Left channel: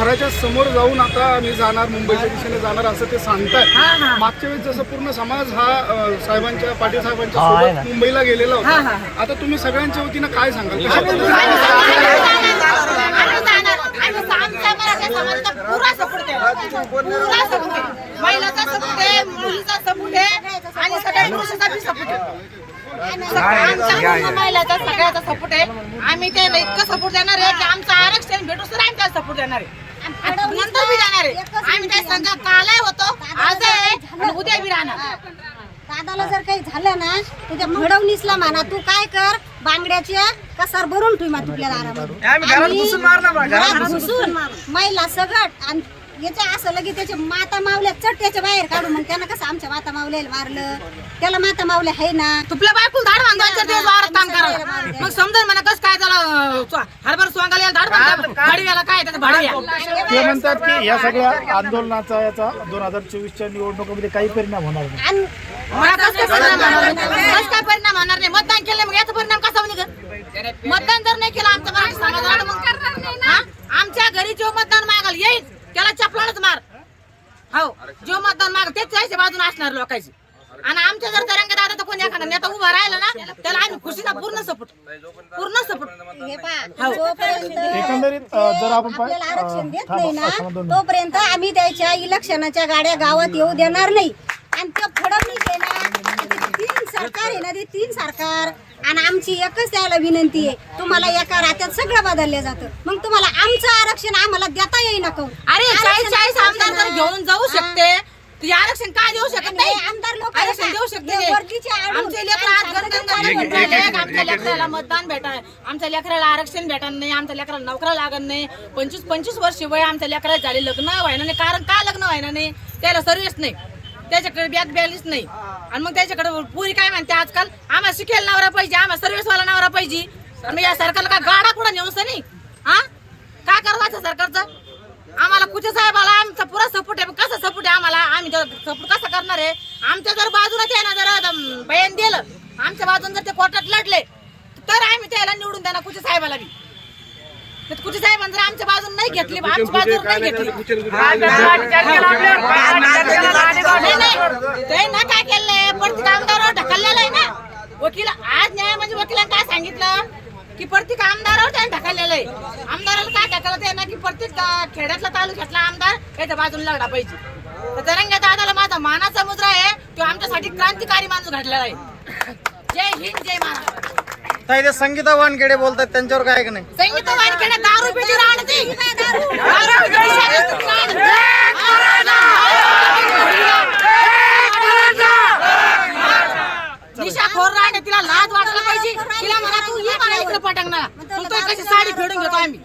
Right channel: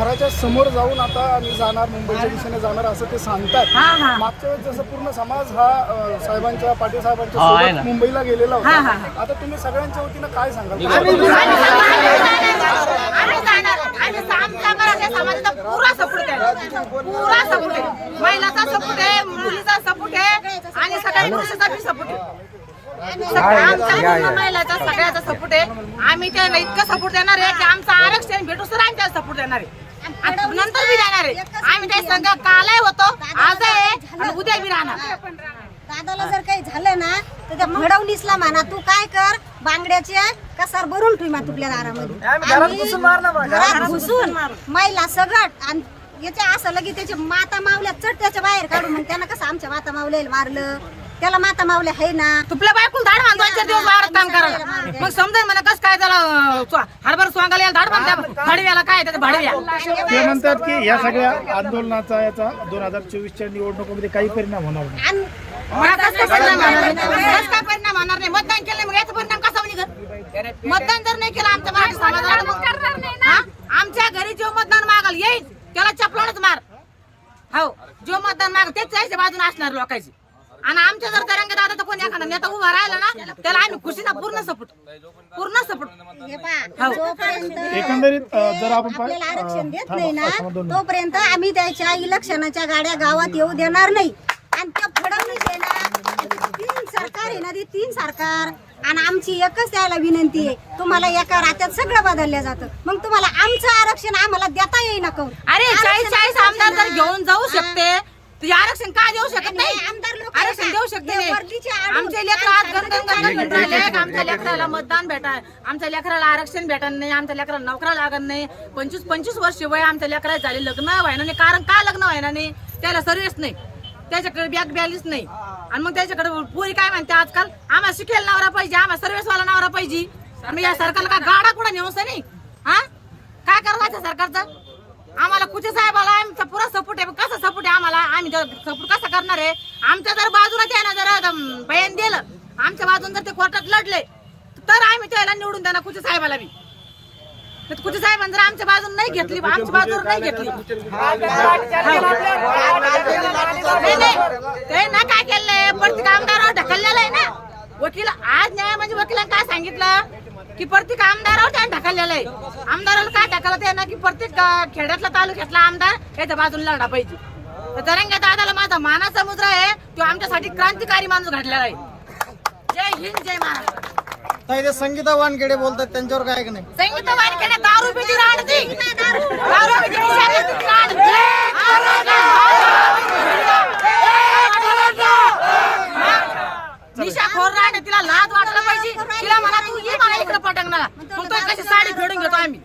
घराच्या समोर जाऊन आता आम्ही जाणार मुंबईच्या दिशेने जाणार असं ते सांगतात मागच्या वेळेस जसं पूर्ण समाज हा अ, साहेबांच्या पाटील साहेबांच्या सोबत मुंबईला गेलेला होता. हा, आता तुम्ही सगळ्यांच्या वतीनं काय सांगाल? आम्ही जाणार आम्ही आमचा मराठी समाजाचा पुरा सपोर्ट आहे. पुरा सपोर्ट आहे. महिलाचा सपोर्ट आहे मुलीचा सपोर्ट आहे आणि सगळ्या पुरुषाचा बी सपोर्ट आहे. आमचा पूर्ण महिलाचा सगळ्याचा सपोर्ट आहे. आम्ही त्याला इतकं सपोर्ट देणार आहे की आमचं आरक्षण भेटू तर आम्ही त्याला सपोर्ट देणार आहे. आणि नंतर बी देणार आहे. आम्ही त्या संघ कालही होतो. आज आहे आणि उद्या बी राहणार. दादाला जर काही झालं ना तर त्या फडवणीसला म्हणा तू काय कर? बांगड्याच्या कसार भरून ठेव मा तुपल्या दारामध्ये. आणि घरात घुसून महिला सगळं आणि याच्या असं लगे त्याचे माता मावल्या चट त्याच्या बाहेर काढू मग त्यानं कसं आमच्या माता मावल्याला मारलं? त्याला माता मावल्या आहे ना? तुपल्या बायकुल धाड दोन चार दिवस वावरात काम करायला. मग समजा म्हणा कसं काय स्वा- हरभर स्वांगाला याला धाड बांधता भाडव्याला काय त्याचं भाडव्या. ते म्हणतात की या सगळ्या आंदोलनाचा याचा दोन हजार चोवीसच्या निवडणुकीमध्ये काही परिणाम होणार नाही. आणि मला कसं काय परिणाम होणार नाही? कसं काय परिणाम होणार नाही? मतदान केलं मग याचा परिणाम कसा निघत मतदान जर नाही केलं आमच्या मराठी समाजाला मग हा? आमच्या घरी जो मतदान मागल येईल त्याला चपलानच मार. हो जो मतदान मागल तेच त्याच्या बाजून असणार लोकांची. आणि आमच्या जर तरंग दादा तर कोणी एखादा नेता उभा राहिला ना त्याला आम्ही खुशीला पूर्ण सपोर्ट पूर्ण सपोर्ट हे पहा हो. जोपर्यंत एकंदरीत अ, जर आपण पाय- आपल्याला आरक्षण देत अ, नाही ना थांबा, दोन मिनिटं. तोपर्यंत आम्ही त्याच्या इलेक्शनाच्या गाड्या गावात येऊ देणार नाही. आणि तो फडणवीस आहे ना ते तीन सरकार आहे ना ते तीन सरकार. आणि आमची एकच त्याला विनंती आहे तुम्हाला एका रात्यात सगळं बदललं जातं. मग तुम्हाला आमचं आरक्षण आम्हाला देता येईना काहून अरे चाळीस चाळीस आमदार जर घेऊन जाऊ शकते. आरक्षण का देऊ शकत नाही? आमदार लोक आरक्षण देऊ शकते नाही. वर्दीचे आणून आमचे लेकर आज गणगण म्हणून राहिले की आमच्या लेकराला मतदान भेटाय आमच्या लेकराला आरक्षण भेटणार नाही आमच्या लेकराला नोकऱ्या लागत नाही. पंचवीस पंचवीस वर्ष वय आमच्या लेकराला झाले लग्न व्हायना नाही. कारण का लग्न व्हायना नाही? त्याला सर्व्हिस नाही. त्याच्याकडे बॅग बॅलीच नाही. आणि मग त्याच्याकडे पुरी काय म्हणते आजकाल? आम्हाला शिकेल नवरा पाहिजे आम्हाला सर्व्हिसवाला नवरा पाहिजे. आम्ही या सरकारला का गाडा कुठं नेऊन नाही हा? काय करायचं सरकारचं? आम्हाला कुठे साहेबाला? आमचा पुरा सपोर्ट आहे. कसा सपोर्ट आहे आम्हाला? आम्ही सपोर्ट कसा करणार आहे? आमच्या जर बाजूलाच आहे ना जर बयान दिलं. आमच्या बाजून जर ते कोर्टात लढले तर आम्ही त्याला निवडून देणार कुठे साहेबाला बी. तर कुठे साहेबांनी जर आमच्या बाजून नाही घेतली आमच्या बाजूवर नाही घेतली. ते ना काय केलंय? प्रत्येक आमदारावर ढकललेलं आहे ना. वकील आज न्याय म्हणजे वकिलांना काय सांगितलं? की प्रत्येक आमदारावर त्याने ढकललेलं आहे. आमदाराला काय ढकलत आहे ना की प्रत्येक खेड्यातला तालुक्यातला आमदार याच्या बाजूला लढा पाहिजे. तर तरंग्या दादाला माझा मानाचा मुद्रा आहे तो आमच्यासाठी क्रांतिकारी माणूस घडलेला आहे. जय हिंद जय महाराष्ट्र. ताई ते संगीता वानखेडे बोलतात त्यांच्यावर काय का नाही? संगीत वानखेडे दारू पिची राड ती. दारू राड आहे, तिला लाज वाटलं पाहिजे. तिला म्हणा तू ये मला इकडे पटंगणार मग तो कशी साडी फेडून घेतो आम्ही.